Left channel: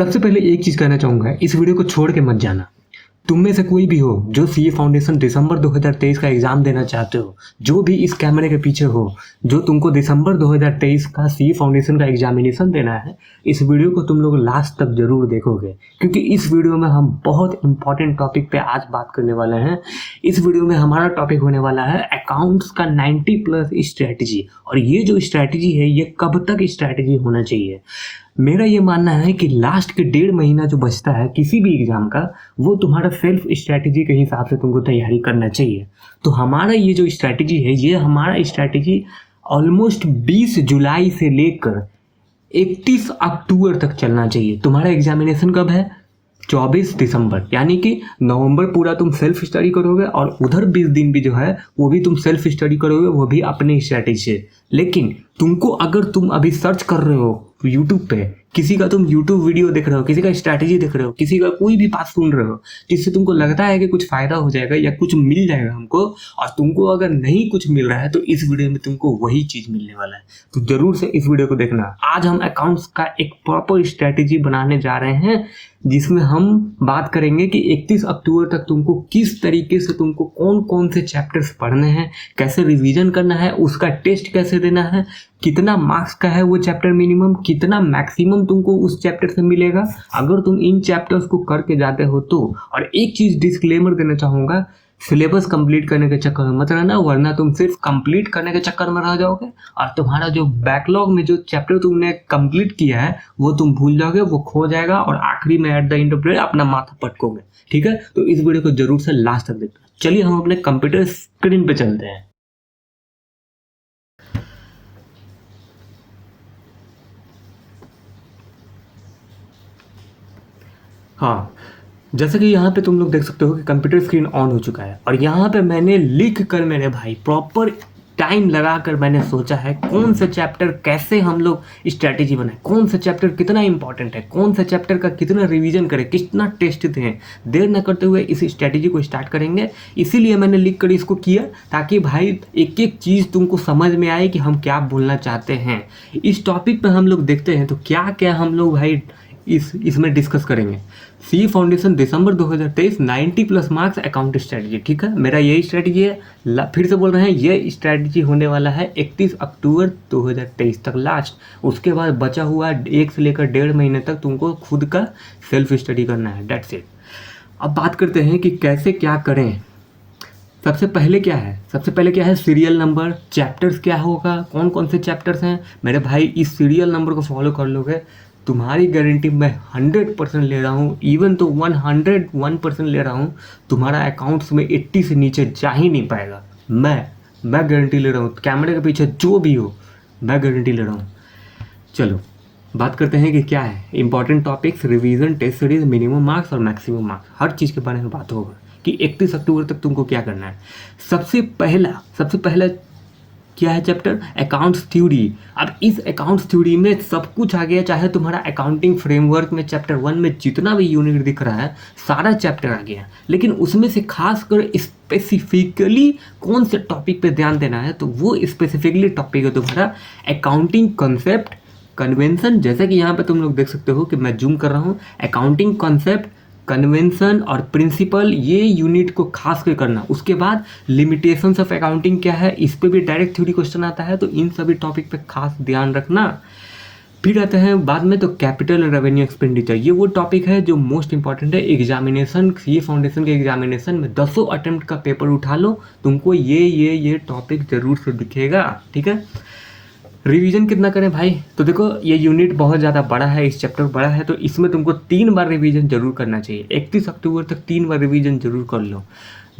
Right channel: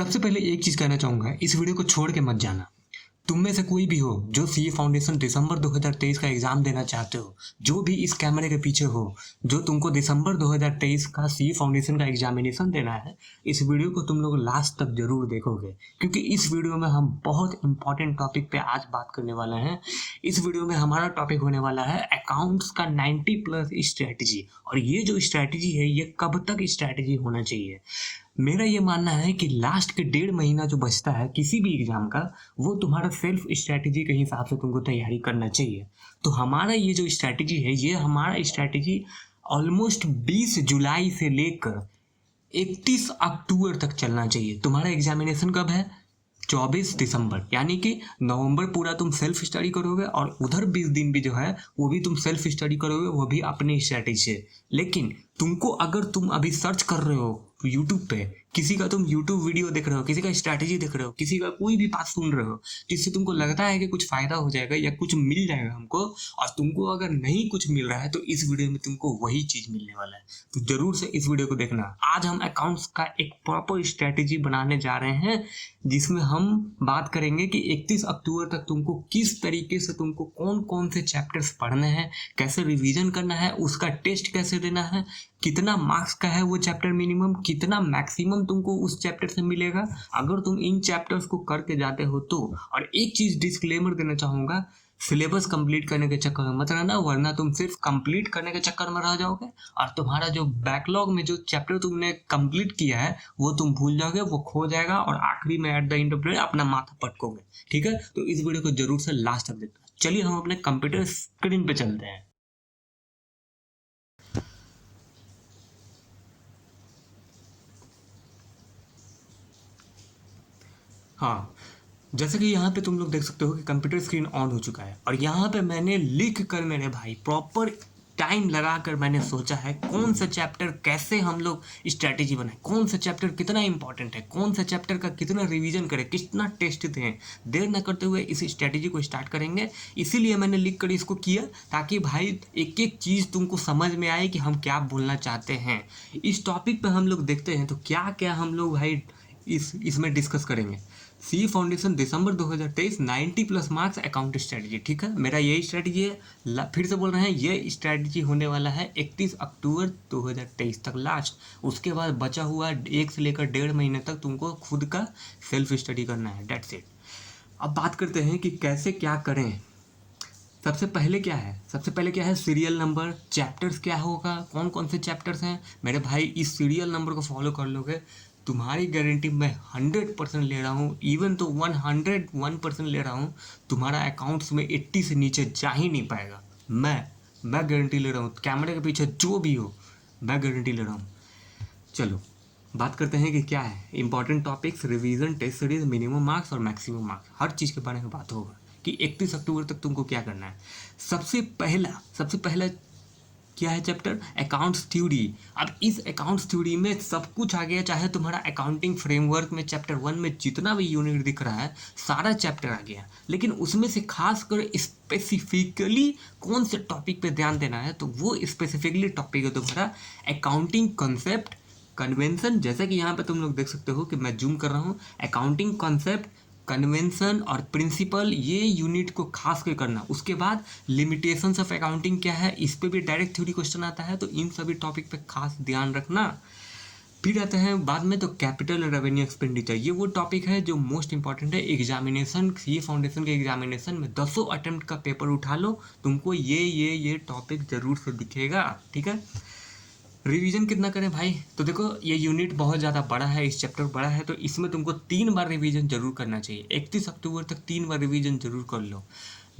सबसे पहले एक चीज़ कहना चाहूँगा, इस वीडियो को छोड़ के मत जाना। तुम में से कोई भी हो जो सीए फाउंडेशन दिसंबर 2023 का एग्ज़ाम देना चाहते हो, जो भी इस कैमरे के पीछे हो, जो तुमको दिसंबर 2023 का सीए फाउंडेशन का एग्जामिनेशन देना है, इस वीडियो को तुम लोग लास्ट तक जरूर देखोगे, क्योंकि इस वीडियो में हम बहुत इंपॉर्टेंट टॉपिक पे आज बात करने वाले हैं। इस वीडियो में हमारा टॉपिक होने वाला है अकाउंट्स का 90+ स्ट्रैटेजी। और ये जो स्ट्रैटेजी है, ये कब तक स्ट्रैटेजी होना चाहिए। मेरा ये मानना है कि लास्ट के 1.5 महीना जो बचता है किसी भी एग्जाम का, वो तुम्हारा सेल्फ स्ट्रैटेजी के हिसाब से तुमको तैयारी करना चाहिए। तो हमारा ये जो स्ट्रैटेजी है, ये हमारा स्ट्रैटेजी ऑलमोस्ट 20 जुलाई से लेकर 31 अक्टूबर तक चलना चाहिए। तुम्हारा एग्जामिनेशन कब है? 24 दिसंबर, यानी कि नवंबर पूरा तुम सेल्फ स्टडी करोगे और उधर 20 दिन भी जो है वो भी तुम सेल्फ स्टडी करोगे, वो भी अपने स्ट्रैटेजी से। लेकिन तुमको अगर तुम अभी सर्च कर रहे हो यूट्यूब पे, किसी का तुम यूट्यूब वीडियो देख रहे हो, किसी का स्ट्रैटेजी देख रहे हो, किसी का कोई भी बात सुन रहे हो जिससे तुमको लगता है कि कुछ फायदा हो जाएगा या कुछ मिल जाएगा हमको, और तुमको अगर नहीं कुछ मिल रहा है तो इस वीडियो में तुमको वही चीज़ मिलने वाला है। तो जरूर से इस वीडियो को देखना। आज हम अकाउंट्स का एक प्रॉपर स्ट्रैटेजी बनाने जा रहे हैं, जिसमें हम बात करेंगे कि 31 अक्टूबर तक तुमको किस तरीके से तुमको कौन कौन से चैप्टर्स पढ़ने हैं, कैसे रिवीजन करना है, उसका टेस्ट कैसे देना है, कितना मार्क्स का है वो चैप्टर मिनिमम, कितना मैक्सिमम तुमको उस चैप्टर से मिलेगा अगर तुम इन चैप्टर्स को करके जाते हो तो। और एक चीज़ डिस्क्लेमर देना चाहूँगा, सिलेबस कंप्लीट करने के चक्कर में मत रहना, वरना तुम सिर्फ कंप्लीट करने के चक्कर में रह जाओगे और तुम्हारा जो बैकलॉग में जो चैप्टर तुमने कंप्लीट किया है वो तुम भूल जाओगे, वो खो जाएगा और आखिरी में at the end of the day अपना माथा पटकोगे। ठीक है, तो इस वीडियो को जरूर से लास्ट तक देखना। चलिए हम अपने कंप्यूटर स्क्रीन पे चलते हैं। हाँ, जैसे कि यहाँ पे तुम लोग देख सकते हो कि कंप्यूटर स्क्रीन ऑन हो चुका है और यहाँ पे मैंने लिख कर, मेरे भाई प्रॉपर टाइम लगा कर मैंने सोचा है कौन सा चैप्टर कैसे हम लोग स्ट्रैटेजी बनाए, कौन सा चैप्टर कितना इंपॉर्टेंट है, कौन सा चैप्टर का कितना रिवीजन करें, कितना टेस्ट दें। देर न करते हुए इस स्ट्रैटेजी को स्टार्ट करेंगे। इसीलिए मैंने लिख कर इसको किया, ताकि भाई एक एक चीज़ तुमको समझ में आए कि हम क्या बोलना चाहते हैं। इस टॉपिक पर हम लोग देखते हैं तो क्या क्या हम लोग भाई इसमें डिस्कस करेंगे। सी फाउंडेशन दिसंबर 2023 90+ मार्क्स अकाउंट स्ट्रेटजी। ठीक है, मेरा यही स्ट्रेटजी है। फिर से बोल रहे हैं, ये स्ट्रेटजी होने वाला है 31 अक्टूबर 2023 तक लास्ट। उसके बाद बचा हुआ 1 से लेकर 1.5 महीने तक तुमको खुद का सेल्फ स्टडी करना है। That's it. अब बात करते हैं कि कैसे क्या करें। सबसे पहले क्या है सीरियल नंबर, चैप्टर्स क्या होगा, कौन कौन से चैप्टर्स हैं। मेरे भाई इस सीरियल नंबर को फॉलो कर लोगे, तुम्हारी गारंटी मैं 100% ले रहा हूँ, इवन तो 101% ले रहा हूँ, तुम्हारा अकाउंट्स में 80 से नीचे जा ही नहीं पाएगा। मैं गारंटी ले रहा हूँ, कैमरे के पीछे जो भी हो मैं गारंटी ले रहा हूँ। चलो बात करते हैं कि क्या है important topics, revision, test series, minimum marks और मैक्सिमम मार्क्स, हर चीज़ के बारे में बात होगा कि 31 अक्टूबर तक तुमको क्या करना है। सबसे पहला क्या है चैप्टर? Accounts theory. अब इस अकाउंट्स थ्योरी में सब कुछ आ गया, चाहे तुम्हारा अकाउंटिंग फ्रेमवर्क में चैप्टर 1 में जितना भी यूनिट दिख रहा है सारा चैप्टर आ गया। लेकिन उसमें से खासकर स्पेसिफिकली कौन से टॉपिक पे ध्यान देना है, तो वो स्पेसिफिकली टॉपिक है तुम्हारा अकाउंटिंग कॉन्सेप्ट, कन्वेंशन। जैसा कि यहाँ पे तुम लोग देख सकते हो कि मैं जूम कर रहा हूँ, अकाउंटिंग कॉन्सेप्ट, कन्वेंशन और प्रिंसिपल, ये यूनिट को खास कर करना। उसके बाद लिमिटेशंस ऑफ अकाउंटिंग क्या है, इस पे भी डायरेक्ट थ्योरी क्वेश्चन आता है, तो इन सभी टॉपिक पे खास ध्यान रखना। फिर आते हैं बाद में तो कैपिटल और रेवेन्यू एक्सपेंडिचर। ये वो टॉपिक है जो मोस्ट इंपॉर्टेंट है एग्जामिनेशन, ये फाउंडेशन के एग्जामिनेशन में 10 अटेम्प्ट का पेपर उठा लो, तुमको ये टॉपिक जरूर से दिखेगा। ठीक है, रिवीजन कितना करें भाई? तो देखो ये यूनिट बहुत ज़्यादा बड़ा है, इस चैप्टर बड़ा है, तो इसमें तुमको 3 बार रिवीजन जरूर करना चाहिए। 31 अक्टूबर तक 3 बार रिवीजन जरूर कर लो।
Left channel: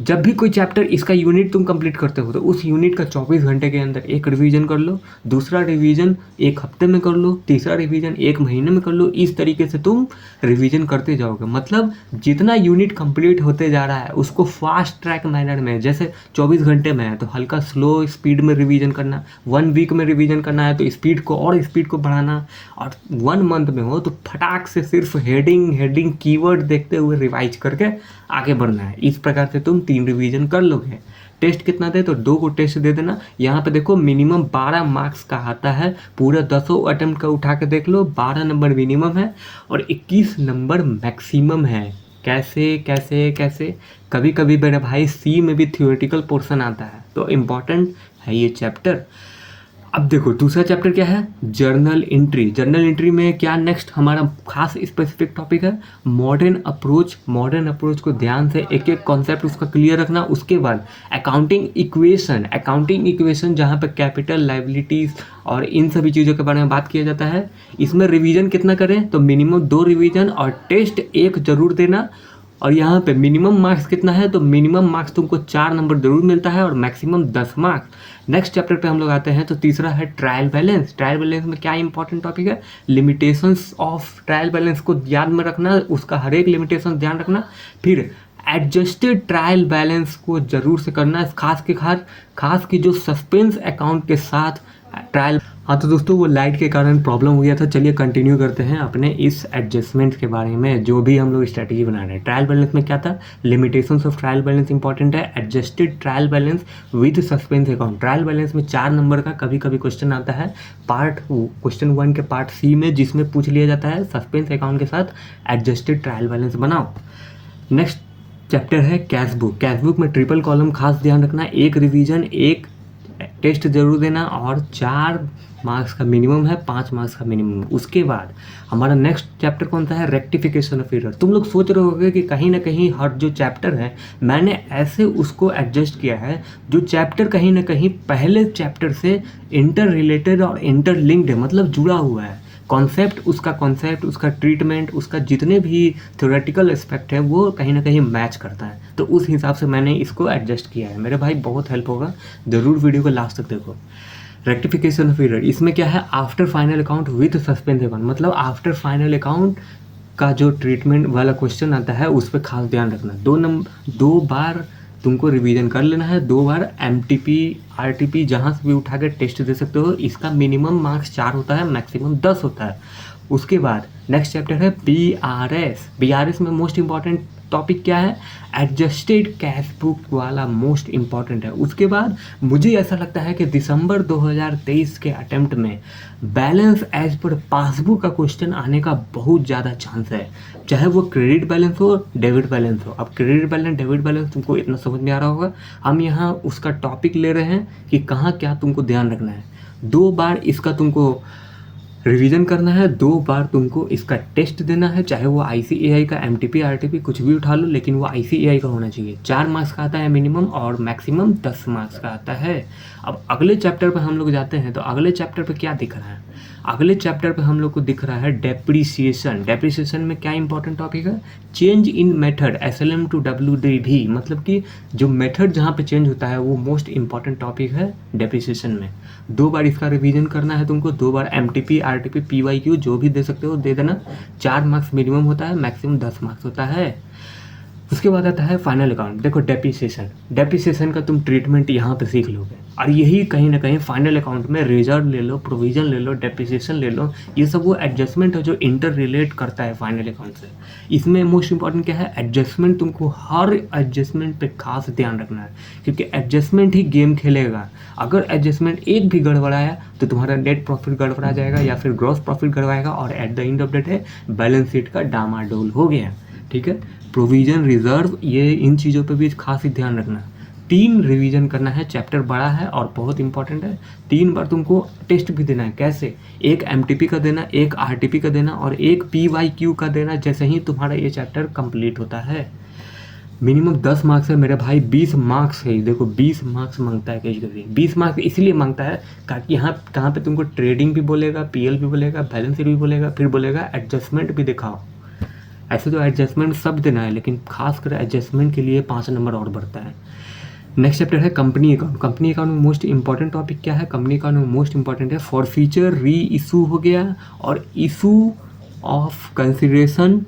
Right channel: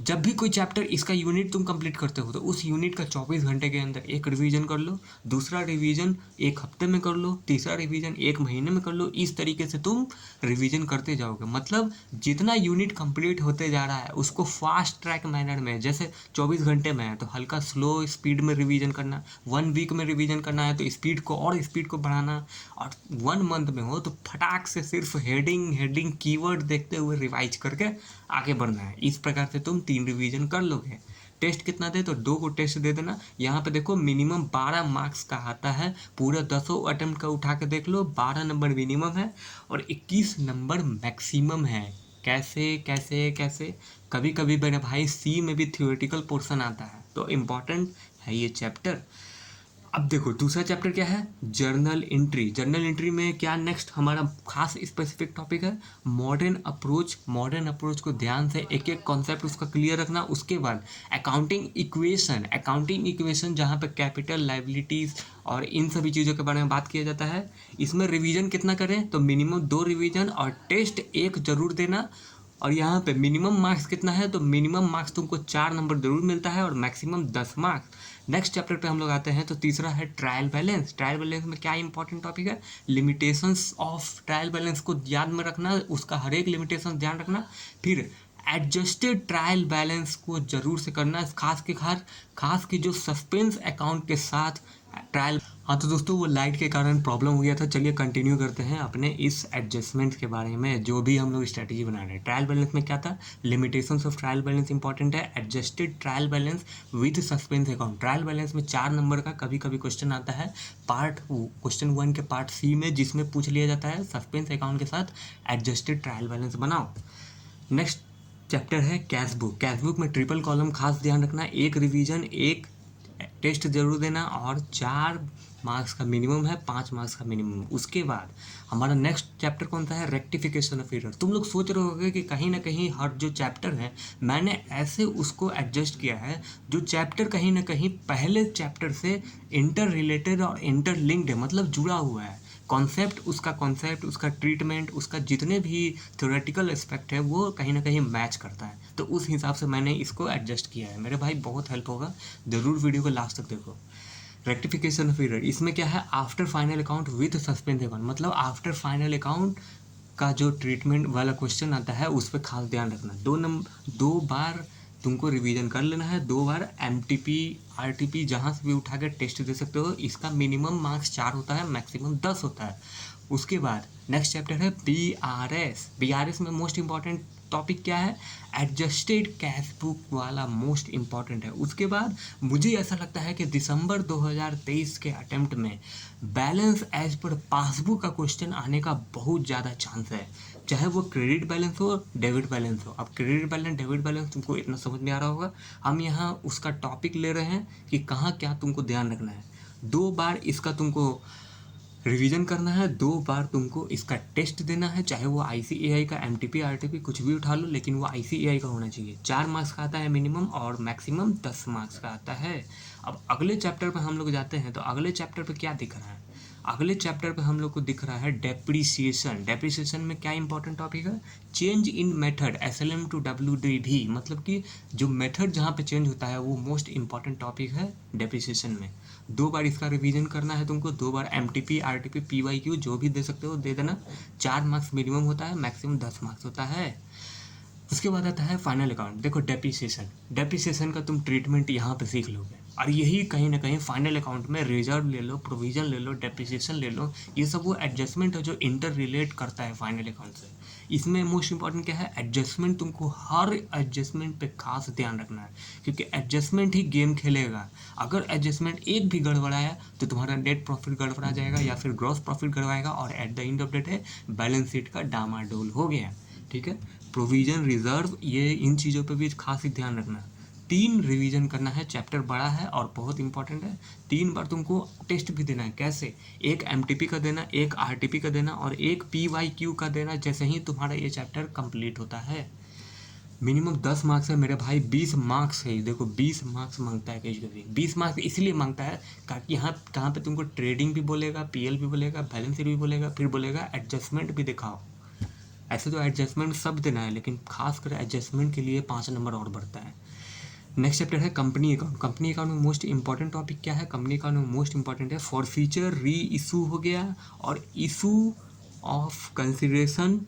जब भी कोई चैप्टर इसका यूनिट तुम कंप्लीट करते हो तो उस यूनिट का 24 घंटे के अंदर एक रिवीजन कर लो, दूसरा रिवीजन 1 हफ्ते में कर लो, तीसरा रिवीजन 1 महीने में कर लो। इस तरीके से तुम रिवीजन करते जाओगे। मतलब जितना यूनिट कंप्लीट होते जा रहा है उसको फास्ट ट्रैक मैनर में, जैसे 24 घंटे में है तो हल्का स्लो स्पीड में रिवीजन करना, 1 वीक में रिवीजन करना है तो स्पीड को बढ़ाना, और 1 मंथ में हो तो फटाक से सिर्फ हेडिंग कीवर्ड देखते हुए रिवाइज करके आगे बढ़ना है। इस प्रकार से तुम 3 रिवीजन कर लोगे। टेस्ट कितना दे तो 2 को टेस्ट दे देना। यहाँ पे देखो मिनिमम 12 मार्क्स का आता है, पूरा 10 अटेम्प्ट का उठा के देख लो, 12 नंबर मिनिमम है और 21 नंबर मैक्सिमम है। कैसे कैसे कैसे, कभी कभी मेरे भाई सी में भी थियोरेटिकल पोर्शन आता है, तो इम्पॉर्टेंट है ये चैप्टर। अब देखो दूसरा चैप्टर क्या है, जर्नल एंट्री। जर्नल एंट्री में क्या नेक्स्ट हमारा खास स्पेसिफिक टॉपिक है, मॉडर्न अप्रोच। मॉडर्न अप्रोच को ध्यान से एक एक कॉन्सेप्ट उसका क्लियर रखना। उसके बाद अकाउंटिंग इक्वेशन। अकाउंटिंग इक्वेशन जहाँ पे कैपिटल, लाइबिलिटीज और इन सभी चीज़ों के बारे में बात किया जाता है। इसमें रिवीजन कितना करें तो मिनिमम 2 रिवीजन और टेस्ट 1 जरूर देना। और यहाँ पे मिनिमम मार्क्स कितना है तो मिनिमम मार्क्स तुमको 4 नंबर जरूर मिलता है और मैक्सिमम 10 मार्क्स। नेक्स्ट चैप्टर पे हम लोग आते हैं तो तीसरा है ट्रायल बैलेंस। ट्रायल बैलेंस में क्या इंपॉर्टेंट टॉपिक है, लिमिटेशंस ऑफ ट्रायल बैलेंस को याद में रखना, उसका हर एक लिमिटेशन ध्यान रखना। फिर एडजस्टेड ट्रायल बैलेंस को जरूर से करना, खास की जो सस्पेंस अकाउंट के साथ ट्रायल। हाँ तो दोस्तों वो लाइट के कारण प्रॉब्लम हो गया था। चलिए कंटिन्यू करते हैं अपने इस एडजस्टमेंट के बारे में, जो भी हम लोग स्ट्रैटेजी बना रहे हैं। ट्रायल बैलेंस में क्या था, limitations of trial balance important है, adjusted trial balance with suspense account. Trial balance में 4 नंबर का कभी कभी क्वेश्चन आता है क्वेश्चन 1 के पार्ट सी में, जिसमें पूछ लिया जाता है सस्पेंस अकाउंट के साथ एडजस्टेड ट्रायल बैलेंस बनाओ। नेक्स्ट चैप्टर है कैश बुक। कैश बुक में ट्रिपल कॉलम खास ध्यान रखना, 1 रिवीजन 1 टेस्ट जरूर देना और 4 मार्क्स का मिनिमम है, 5 मार्क्स का मिनिमम। उसके बाद हमारा नेक्स्ट चैप्टर कौन सा है, रेक्टिफिकेशन ऑफ एरर। तुम लोग सोच रहे होगे कि कहीं ना कहीं हर जो चैप्टर है मैंने ऐसे उसको एडजस्ट किया है जो चैप्टर कहीं ना कहीं पहले चैप्टर से इंटर रिलेटेड और इंटरलिंक्ड है, मतलब जुड़ा हुआ है। कॉन्सेप्ट, उसका ट्रीटमेंट, उसका जितने भी थ्योरेटिकल एस्पेक्ट है वो कहीं ना कहीं मैच करता है, तो उस हिसाब से मैंने इसको एडजस्ट किया है। मेरे भाई बहुत हेल्प होगा, ज़रूर वीडियो को लास्ट तक देखो। रेक्टिफिकेशन ऑफ एरर, इसमें क्या है, after final account with suspense account, मतलब आफ्टर फाइनल अकाउंट का जो ट्रीटमेंट वाला क्वेश्चन आता है उस पर खास ध्यान रखना। 2 बार तुमको रिवीजन कर लेना है, 2 बार MTP RTP जहाँ से भी उठा कर टेस्ट दे सकते हो। इसका मिनिमम मार्क्स 4 होता है, मैक्सिमम 10 होता है। उसके बाद नेक्स्ट चैप्टर है BRS। BRS में मोस्ट इंपॉर्टेंट टॉपिक क्या है, एडजस्टेड कैश बुक वाला मोस्ट इंपॉर्टेंट है। उसके बाद मुझे ऐसा लगता है कि दिसंबर 2023 के अटेम्प्ट में बैलेंस एज पर पासबुक का क्वेश्चन आने का बहुत ज़्यादा चांस है, चाहे वो क्रेडिट बैलेंस हो डेबिट बैलेंस हो। अब क्रेडिट बैलेंस डेबिट बैलेंस तुमको इतना समझ में आ रहा होगा, हम यहाँ उसका टॉपिक ले रहे हैं कि कहाँ क्या तुमको ध्यान रखना है। 2 बार इसका तुमको रिवीजन करना है, 2 बार तुमको इसका टेस्ट देना है, चाहे वो ICAI का MTP RTP कुछ भी उठा लो, लेकिन वो ICAI का होना चाहिए। 4 मार्क्स का आता है मिनिमम और मैक्सिमम 10 मार्क्स का आता है। अब अगले चैप्टर पर हम लोग जाते हैं तो अगले चैप्टर पर क्या दिख रहा है, अगले चैप्टर पे हम लोग को दिख रहा है डेप्रीसिएशन। डेप्रीसिएशन में क्या इंपॉर्टेंट टॉपिक है, change in method SLM to WDV, मतलब कि जो मेथड जहाँ पे चेंज होता है वो मोस्ट इंपॉर्टेंट टॉपिक है डेप्रीसिएशन में। 2 बार इसका रिवीजन करना है तुमको, 2 बार MTP RTP PYQ जो भी दे सकते हो दे देना। 4 मार्क्स मिनिमम होता है, मैक्सिमम 10 मार्क्स होता है। उसके बाद आता है फाइनल अकाउंट। देखो डेप्रीसिएशन का तुम ट्रीटमेंट यहाँ पे सीख लोगे और यही कहीं ना कहीं फाइनल अकाउंट में रिजर्व ले लो, प्रोविजन ले लो, डेप्रीसिएशन ले लो, ये सब वो एडजस्टमेंट है जो इंटर रिलेट करता है फाइनल अकाउंट से। इसमें मोस्ट इंपॉर्टेंट क्या है, एडजस्टमेंट। तुमको हर एडजस्टमेंट पे खास ध्यान रखना है, क्योंकि एडजस्टमेंट ही गेम खेलेगा। अगर एडजस्टमेंट एक भी गड़बड़ाया तो तुम्हारा नेट प्रॉफिट गड़बड़ा जाएगा या फिर ग्रॉस प्रॉफिट गड़बड़ाएगा और at the end of the day balance sheet का डामाडोल हो गया। ठीक है, प्रोविजन, रिजर्व, ये इन चीज़ों पे भी खास ही ध्यान रखना। 3 रिवीजन करना है, चैप्टर बड़ा है और बहुत इंपॉर्टेंट है। 3 बार तुमको टेस्ट भी देना है। कैसे, 1 MTP का देना, 1 RTP का देना और 1 PYQ का देना, जैसे ही तुम्हारा ये चैप्टर कंप्लीट होता है। मिनिमम 10 मार्क्स है मेरे भाई, 20 मार्क्स है। देखो 20 मार्क्स मांगता है कभी 20 मार्क्स इसलिए मांगता है ताकि यहाँ कहाँ पे तुमको ट्रेडिंग भी बोलेगा, PL भी बोलेगा, बैलेंस शीट भी बोलेगा, फिर बोलेगा एडजस्टमेंट भी दिखाओ। ऐसे तो एडजस्टमेंट सब देना है, लेकिन खासकर एडजस्टमेंट के लिए 5 नंबर और बढ़ता है। नेक्स्ट चैप्टर है कंपनी अकाउंट। कंपनी अकाउंट में मोस्ट इंपॉर्टेंट टॉपिक क्या है, कंपनी अकाउंट में मोस्ट इंपॉर्टेंट है फॉरफीचर, री इशू हो गया और इशू ऑफ कंसिडरेशन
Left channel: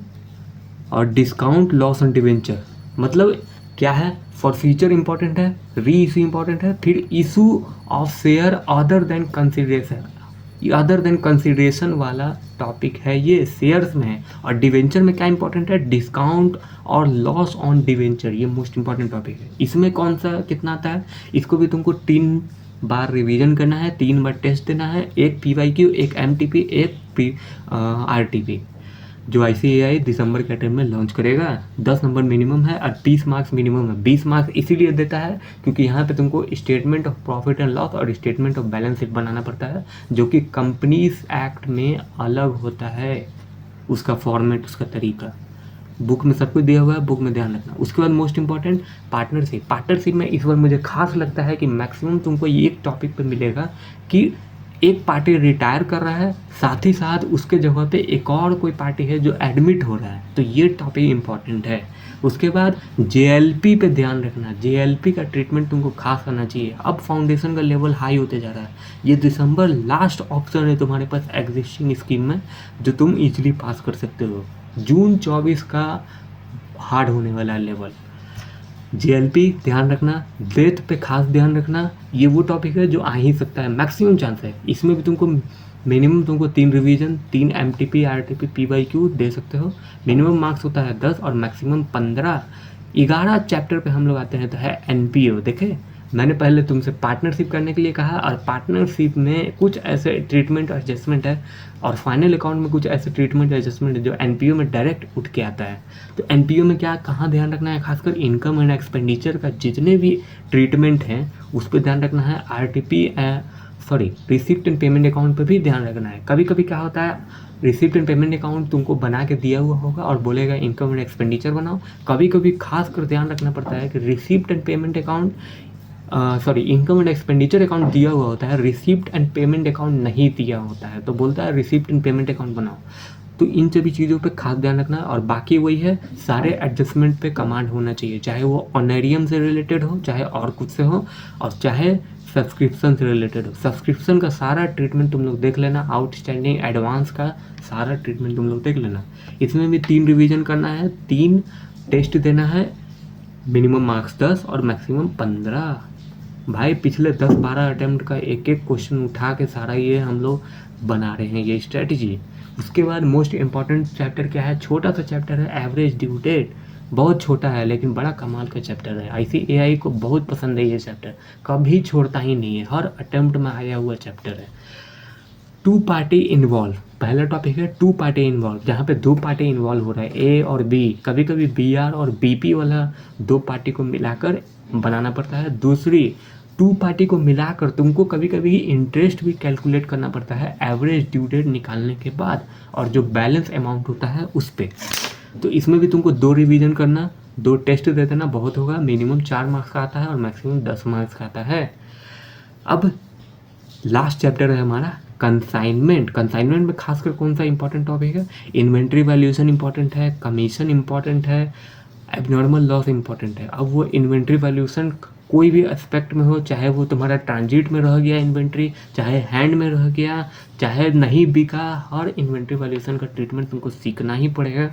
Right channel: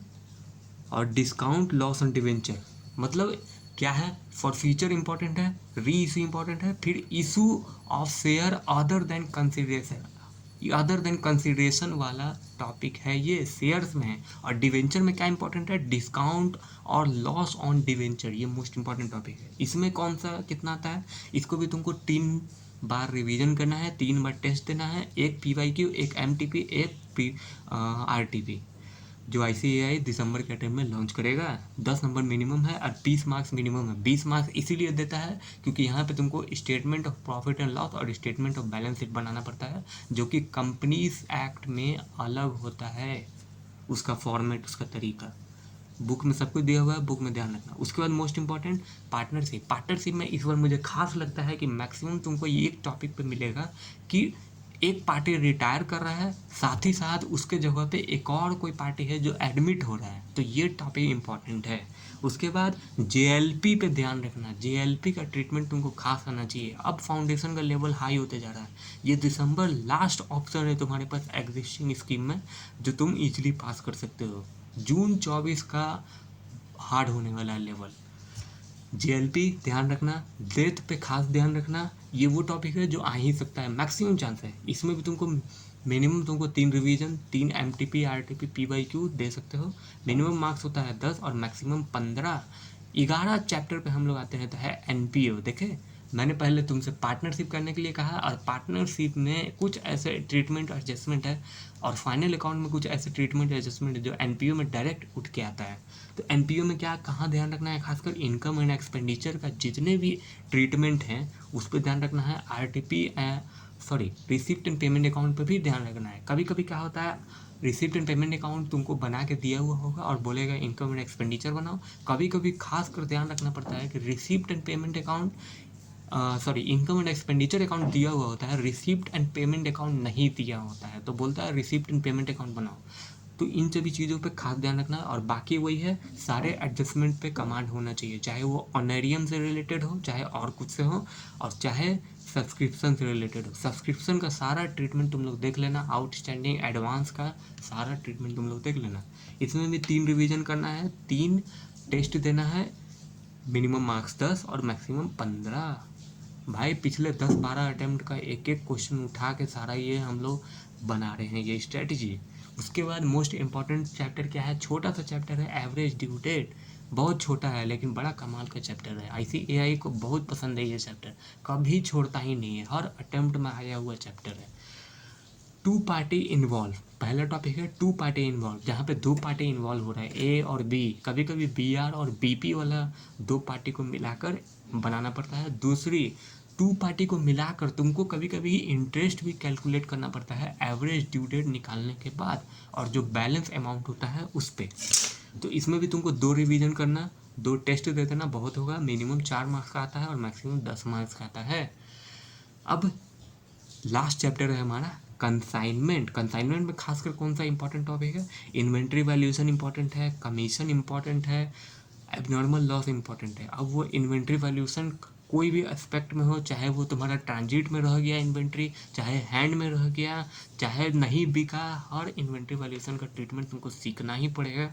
और डिस्काउंट, लॉस ऑन डिवेंचर। मतलब क्या है, फॉरफीचर इंपॉर्टेंट है, री इशू इंपॉर्टेंट है, फिर issue of share other than consideration, other than consideration वाला टॉपिक है, ये शेयर्स में है। और डिवेंचर में क्या इंपॉर्टेंट है, डिस्काउंट और लॉस ऑन डिवेंचर, ये मोस्ट इंपॉर्टेंट टॉपिक है। इसमें कौन सा कितना आता है, इसको भी तुमको 3 बार रिवीजन करना है, 3 बार टेस्ट देना है, एक PYQ, एक MTP, एक RTP। जो ICAI दिसंबर के टाइम में लॉन्च करेगा। 10 नंबर मिनिमम है और 20 मार्क्स मिनिमम है। 20 मार्क्स इसीलिए देता है क्योंकि यहाँ पे तुमको statement of profit and loss और स्टेटमेंट ऑफ बैलेंस शीट बनाना पड़ता है, जो कि कंपनीज एक्ट में अलग होता है, उसका फॉर्मेट, उसका तरीका। बुक में सब कुछ दिया हुआ है, बुक में ध्यान रखना। उसके बाद मोस्ट इंपॉर्टेंट पार्टनरशिप। पार्टनरशिप में इस बार मुझे खास लगता है कि मैक्सिमम तुमको ये एक टॉपिक पे मिलेगा कि एक पार्टी रिटायर कर रहा है, साथ ही साथ उसके जगह पे एक और कोई पार्टी है जो एडमिट हो रहा है, तो ये टॉपिक इंपॉर्टेंट है। उसके बाद JLP पे ध्यान रखना, JLP का ट्रीटमेंट तुमको खास करना चाहिए। अब फाउंडेशन का लेवल हाई होते जा रहा है, ये दिसंबर लास्ट ऑप्शन है तुम्हारे पास एग्जिस्टिंग स्कीम में, जो तुम इजीली पास कर सकते हो। जून 24 का हार्ड होने वाला लेवल। JLP ध्यान रखना, डेथ पे खास ध्यान रखना, ये वो टॉपिक है जो आ ही सकता है, मैक्सिमम चांस है। इसमें भी तुमको मिनिमम तुमको 3 रिवीजन, 3 MTP, RTP, PYQ दे सकते हो। मिनिमम मार्क्स होता है 10 और मैक्सिमम 15। 11 चैप्टर पे हम लोग आते हैं तो है NPO। देखे, मैंने पहले तुमसे पार्टनरशिप करने के लिए कहा, और पार्टनरशिप में कुछ ऐसे ट्रीटमेंट एडजस्टमेंट है, और फाइनल अकाउंट में कुछ ऐसे ट्रीटमेंट एडजस्टमेंट है जो NPO में डायरेक्ट उठ के आता है। तो NPO में क्या कहाँ ध्यान रखना है, खासकर इनकम एंड एक्सपेंडिचर का जितने भी ट्रीटमेंट हैं उस पर ध्यान रखना है। RTP receipt and payment account पर भी ध्यान रखना है। कभी कभी क्या होता है, रिसिप्ट एंड पेमेंट अकाउंट तुमको बना के दिया हुआ होगा और बोलेगा इनकम एंड एक्सपेंडिचर बनाओ। कभी कभी खास कर ध्यान रखना पड़ता है कि receipt and payment account income and expenditure account दिया हुआ होता है, रिसिप्ट एंड पेमेंट अकाउंट नहीं दिया होता है, तो बोलता है रिसिप्ट एंड पेमेंट अकाउंट बनाओ। तो इन सभी चीज़ों पे खास ध्यान रखना है। और बाकी वही है, सारे एडजस्टमेंट पे कमांड होना चाहिए, चाहे वो ऑनरियम से रिलेटेड हो, चाहे और कुछ से हो, और चाहे सब्सक्रिप्शन से रिलेटेड हो। सब्सक्रिप्शन का सारा ट्रीटमेंट तुम लोग देख लेना, आउटस्टैंडिंग एडवांस का सारा ट्रीटमेंट तुम लोग देख लेना। इसमें भी 3 रिवीजन करना है, 3 टेस्ट देना है, मिनिमम मार्क्स 10 और मैक्सिमम 15। भाई पिछले 10-12 अटेम्प्ट का एक एक क्वेश्चन उठा के सारा ये हम लोग बना रहे हैं, ये स्ट्रेटजी। उसके बाद मोस्ट इम्पॉर्टेंट चैप्टर क्या है, छोटा सा चैप्टर है एवरेज ड्यू डेट। बहुत छोटा है लेकिन बड़ा कमाल का चैप्टर है। ICAI को बहुत पसंद है ये चैप्टर, कभी छोड़ता ही नहीं है, हर अटेम्प्ट में आया हुआ चैप्टर है। 2 पार्टी इन्वॉल्व, पहला टॉपिक है 2 पार्टी इन्वॉल्व, जहाँ पे 2 पार्टी इन्वॉल्व हो रहा है, A और B। कभी कभी BR और BP वाला 2 पार्टी को मिलाकर बनाना पड़ता है। दूसरी, 2 पार्टी को मिलाकर तुमको कभी कभी इंटरेस्ट भी कैलकुलेट करना पड़ता है एवरेज ड्यू डेट निकालने के बाद, और जो बैलेंस अमाउंट होता है उस पर। तो इसमें भी तुमको 2 रिवीजन करना, 2 टेस्ट दे देना बहुत होगा। मिनिमम 4 मार्क्स का आता है और मैक्सिमम 10 मार्क्स का आता है। अब लास्ट चैप्टर है हमारा कंसाइनमेंट। कंसाइनमेंट में खासकर कौन सा इंपॉर्टेंट टॉपिक है, इन्वेंट्री वैल्यूएशन इंपॉर्टेंट है, कमीशन इंपॉर्टेंट है, एबनॉर्मल लॉस इंपॉर्टेंट है। अब वो इन्वेंट्री वैल्यूएशन कोई भी एस्पेक्ट में हो, चाहे वो तुम्हारा ट्रांजिट में रह गया इन्वेंट्री, चाहे हैंड में रह गया, चाहे नहीं बिका, हर इन्वेंट्री वैल्यूएशन का ट्रीटमेंट तुमको सीखना ही पड़ेगा।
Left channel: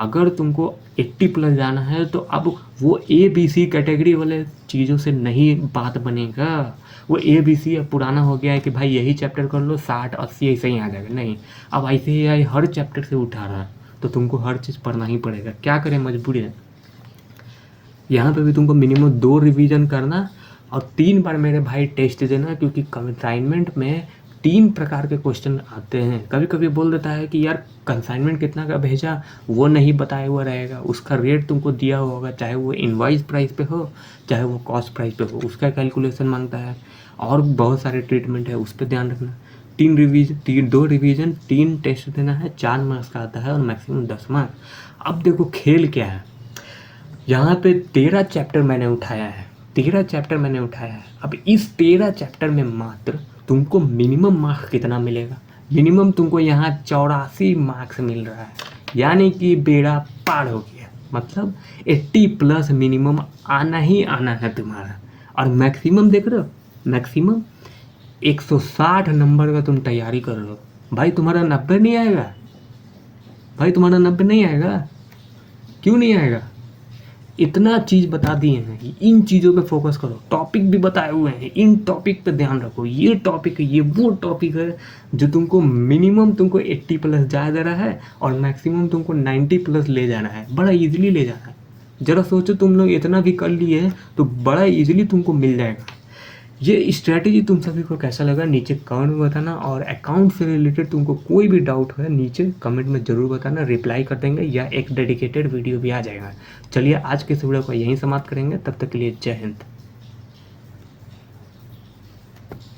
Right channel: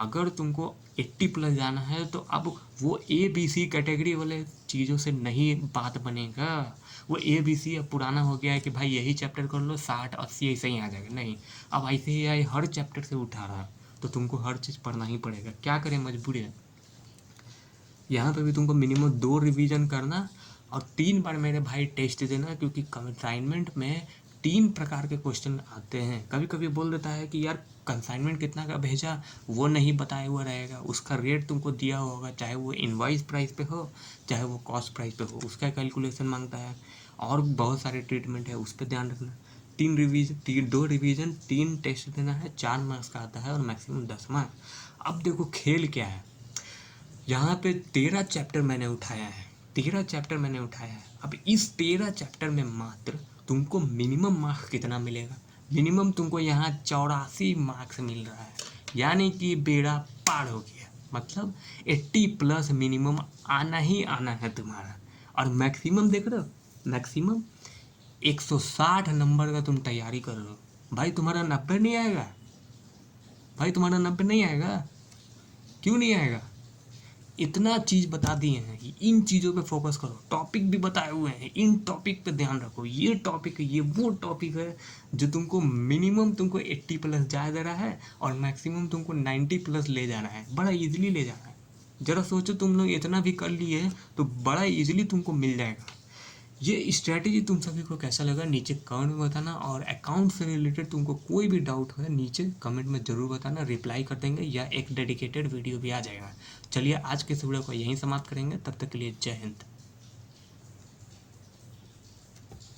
अगर तुमको 80+ जाना है तो अब वो ABC कैटेगरी वाले चीज़ों से नहीं बात बनेगा। वो ABC अब पुराना हो गया है कि भाई यही चैप्टर कर लो, 60-80 ऐसे ही आ जाएगा। नहीं, अब ICAI हर चैप्टर से उठा रहा है, तो तुमको हर चीज़ पढ़ना ही पड़ेगा। क्या करें, मजबूरी है। यहाँ पे भी तुमको मिनिमम 2 रिवीजन करना और 3 बार मेरे भाई टेस्ट देना, क्योंकि कंसाइनमेंट में 3 प्रकार के क्वेश्चन आते हैं। कभी कभी बोल देता है कि यार कंसाइनमेंट कितना का भेजा, वो नहीं बताया हुआ रहेगा, उसका रेट तुमको दिया हुआ होगा, चाहे वो इनवॉइस प्राइस पे हो, चाहे वो कॉस्ट प्राइस पे हो, उसका कैलकुलेशन मांगता है, और बहुत सारे ट्रीटमेंट है, उस पर ध्यान रखना। 2 रिवीजन 3 टेस्ट देना है, 4 मार्क्स का आता है और मैक्सिमम 10 मार्क्स। अब देखो खेल क्या है, यहाँ पे 13 चैप्टर मैंने उठाया है, 13 चैप्टर मैंने उठाया है। अब इस 13 चैप्टर में मात्र तुमको मिनिमम मार्क्स कितना मिलेगा, मिनिमम तुमको यहाँ 84 मार्क्स मिल रहा है, यानी कि बेड़ा पार हो गया। मतलब 80+ मिनिमम आना ही आना है तुम्हारा। और मैक्सिमम देख रहे हो, मैक्सिमम 160 नंबर का तुम तैयारी कर रहे हो। भाई तुम्हारा 90 नहीं आएगा, भाई तुम्हारा 90 नहीं आएगा, क्यों नहीं आएगा? इतना चीज़ बता दिए हैं कि इन चीज़ों पे फोकस करो। टॉपिक भी बताए हुए हैं, इन टॉपिक पे ध्यान रखो। ये टॉपिक है, ये वो टॉपिक है जो तुमको मिनिमम तुमको 80 प्लस जा दे रहा है और मैक्सिमम तुमको 90 प्लस ले जाना है, बड़ा इजीली ले जाना है। ज़रा सोचो, तुम लोग इतना भी कर लिए हैं तो बड़ा इजीली तुमको मिल जाएगा। ये स्ट्रैटेजी तुम सभी को कैसा लगा नीचे कमेंट में बताना, और अकाउंट से रिलेटेड तुमको कोई भी डाउट है नीचे कमेंट में ज़रूर बताना, रिप्लाई कर देंगे या एक डेडिकेटेड वीडियो भी आ जाएगा। चलिए आज के इस वीडियो को यहीं समाप्त करेंगे, तब तक के लिए जय हिंद।